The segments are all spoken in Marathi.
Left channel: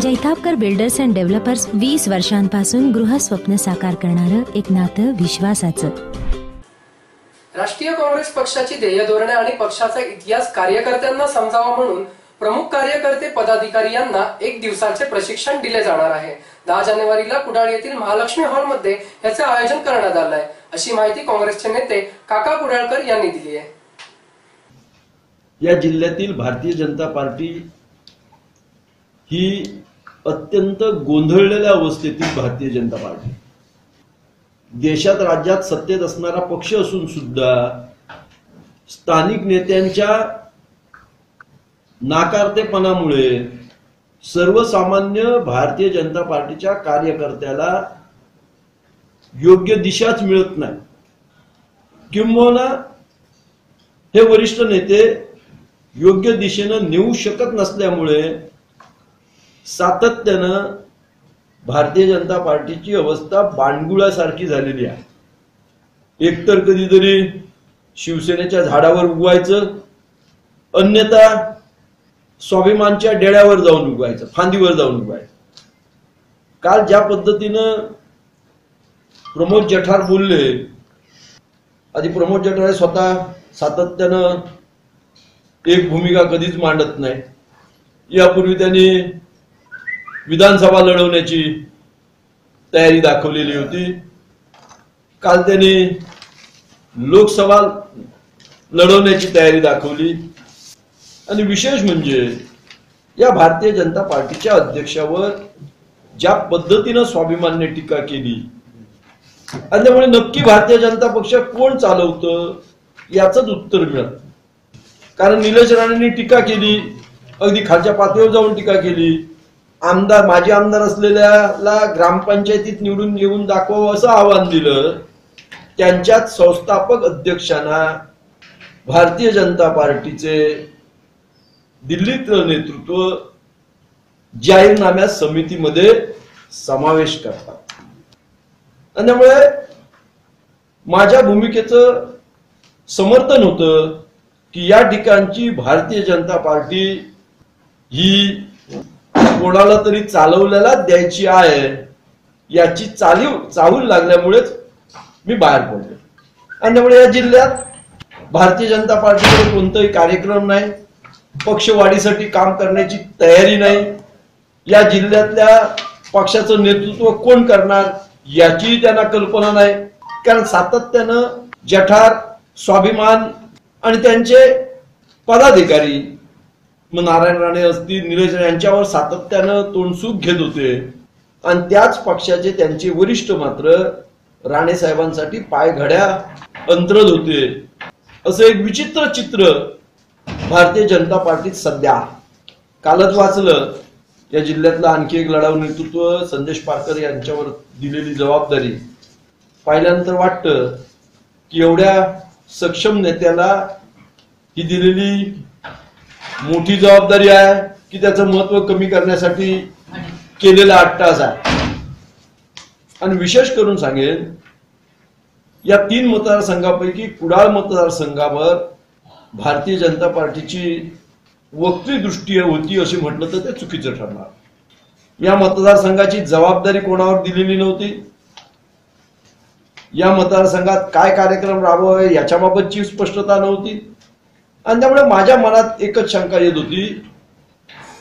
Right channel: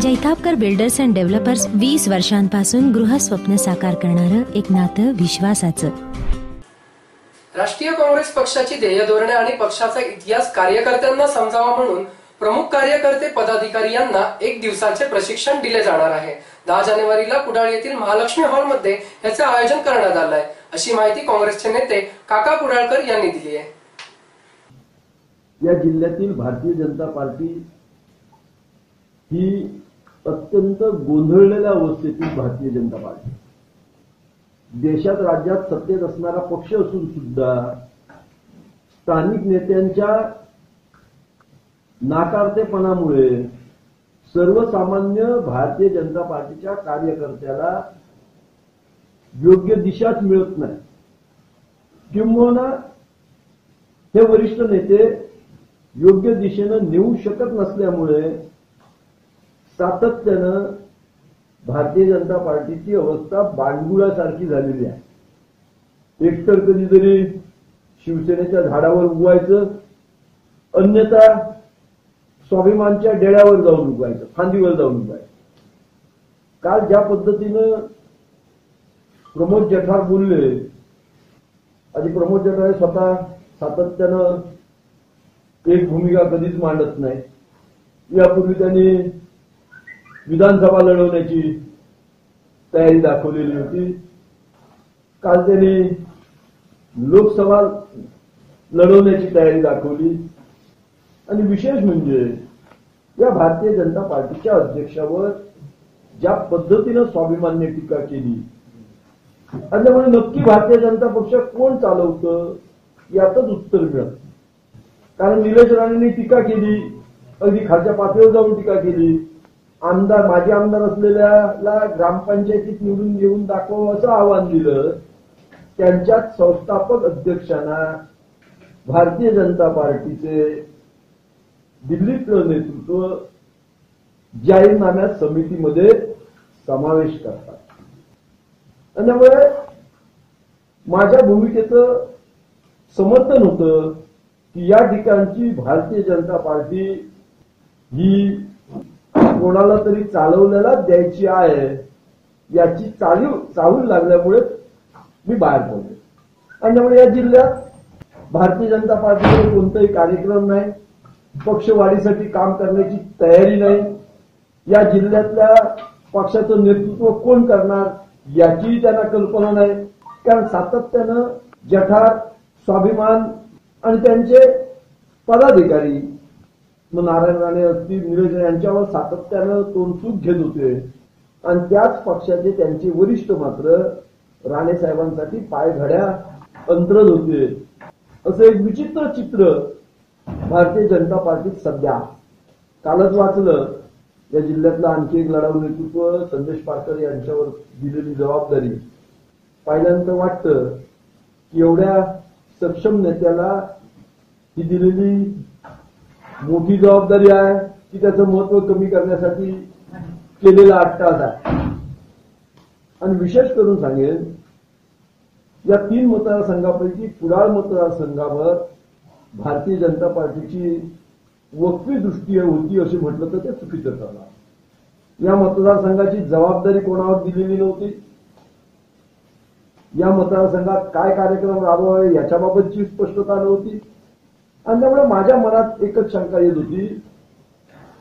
जैतापकर बिल्डर्स अँड डेव्हलपर्स वीस वर्षांपासून गृहस्वप्न साकार करणारं एक नातं विश्वासाचं. राष्ट्रीय काँग्रेस पक्षाची ध्येय धोरणे आणि पक्षाचा इतिहास कार्यकर्त्यांना समजावा म्हणून प्रमुख कार्यकर्ते पदाधिकारी यांना एक दिवसाचे प्रशिक्षण दिले जाणार आहे. दहा जानेवारीला कुडाळ येथील महालक्ष्मी हॉलमध्ये याचे आयोजन करण्यात आलं आहे अशी माहिती काँग्रेसचे नेते काका कुडाळकर यांनी दिली आहे. या जिल्ह्यातील भारतीय जनता पार्टी ही अत्यंत गोंधळलेल्या अवस्थेतील भारतीय जनता पार्टी. देशात राज्यात सत्तेत असणारा पक्ष असून सुद्धा स्थानिक नेत्यांच्या नाकारतेपणामुळे सर्वसामान्य भारतीय जनता पार्टीच्या कार्यकर्त्याला योग्य दिशाच मिळत नाही. किंबहुना हे वरिष्ठ नेते योग्य दिशेनं नेऊ शकत नसल्यामुळे सातत्यानं भारतीय जनता पार्टीची अवस्था बाणगुळासारखी झालेली आहे. एकतर कधीतरी शिवसेनेच्या झाडावर उगवायचं अन्यथा स्वाभिमानच्या डेळ्यावर जाऊन उगवायचं फांदीवर जाऊन उगवायचं. काल ज्या पद्धतीनं प्रमोद जठार बोलले आधी प्रमोद जठार हे स्वतः सातत्यानं एक भूमिका कधीच मांडत नाही यापूर्वी त्यांनी विधानसभा लढवण्याची तयारी दाखवलेली होती. काल त्यांनी लोकसभा लढवण्याची तयारी दाखवली. आणि विशेष म्हणजे या भारतीय जनता पार्टीच्या अध्यक्षावर ज्या पद्धतीनं स्वाभिमानने टीका केली आणि त्यामुळे नक्की भारतीय जनता पक्ष कोण चालवतं याच उत्तर मिळत. कारण निलेश राणेंनी टीका केली. अगदी खालच्या पातळीवर जाऊन टीका केली. आमदार माजी आमदार असलेल्याला ग्रामपंचायतीत निवडून येऊन दाखव असं आव्हान दिलं. त्यांच्यात संस्थापक अध्यक्षांना भारतीय जनता पार्टीचे दिल्लीतलं नेतृत्व जाहीरनाम्या समितीमध्ये समावेश करतात. आणि त्यामुळे माझ्या भूमिकेचं समर्थन होतं की या ठिकाणची भारतीय जनता पार्टी ही कोणाला तरी चालवलेला द्यायची आहे याची चालीव चाहूल लागल्यामुळेच मी बाहेर पडलो. आणि त्यामुळे या जिल्ह्यात भारतीय जनता पार्टीकडे कोणताही कार्यक्रम नाही पक्षवाढीसाठी काम करण्याची तयारी नाही. या जिल्ह्यातल्या पक्षाचं नेतृत्व कोण करणार याचीही त्यांना कल्पना नाही. कारण सातत्यानं जठार स्वाभिमान आणि त्यांचे पदाधिकारी मग नारायण राणे असतील निलेश यांच्यावर सातत्यानं तोंडसूक घेत होते. आणि त्याच पक्षाचे त्यांचे वरिष्ठ मात्र राणे साहेबांसाठी पायघड्या अंतरत होते. असं एक विचित्र चित्र भारतीय जनता पार्टीत सध्या. कालच वाचलं. या जिल्ह्यातलं आणखी एक लढाऊ नेतृत्व संदेश पारकर यांच्यावर दिलेली जबाबदारी. पाहिल्यानंतर वाटतं की एवढ्या सक्षम नेत्याला ही दिलेली मोठी जबाबदारी आहे की त्याचं महत्त्व कमी करण्यासाठी केलेला अट्टास आहे. आणि विशेष करून सांगेन या तीन मतदारसंघापैकी कुडाळ मतदारसंघावर भारतीय जनता पार्टीची वक्तृदृष्टी होती असे म्हटलं तर ते चुकीचं ठरणार. या मतदारसंघाची जबाबदारी कोणावर दिलेली नव्हती? या मतदारसंघात काय कार्यक्रम राबवावे याच्याबाबतची स्पष्टता नव्हती? आणि त्यामुळे माझ्या मनात एकच शंका येत होती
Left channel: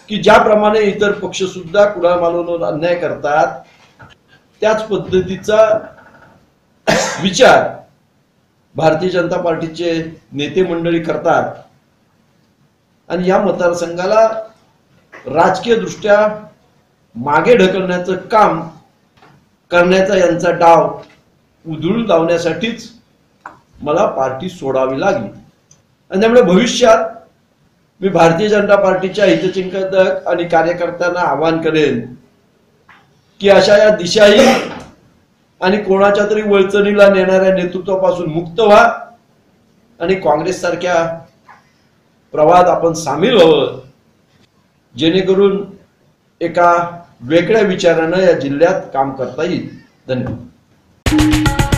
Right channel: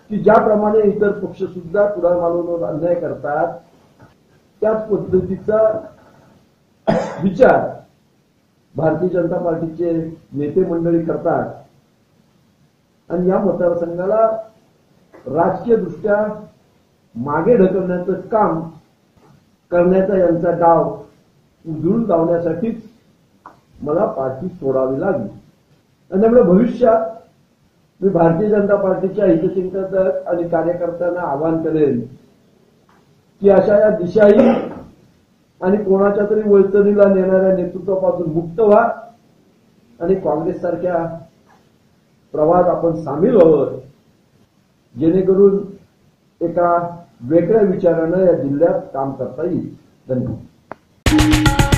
की ज्याप्रमाणे इतर पक्ष सुद्धा कुणाल मालवणवर अन्याय करतात त्याच पद्धतीचा विचार भारतीय जनता पार्टीचे नेते मंडळी करतात. आणि या मतदारसंघाला राजकीय दृष्ट्या मागे ढकलण्याचं काम करण्याचा यांचा डाव उधळून लावण्यासाठीच मला पार्टी सोडावी लागली. आणि त्यामुळे भविष्यात मी भारतीय जनता पार्टीच्या हितचिंतक आणि कार्यकर्त्यांना आवाहन करेन की अशा या दिशाही आणि कोणाच्या तरी वळचणीला नेणाऱ्या नेतृत्वापासून मुक्त व्हा आणि काँग्रेस सारख्या प्रवाहात आपण सामील व्हावं जेणेकरून एका वेगळ्या विचारानं या जिल्ह्यात काम करता येईल. धन्यवाद.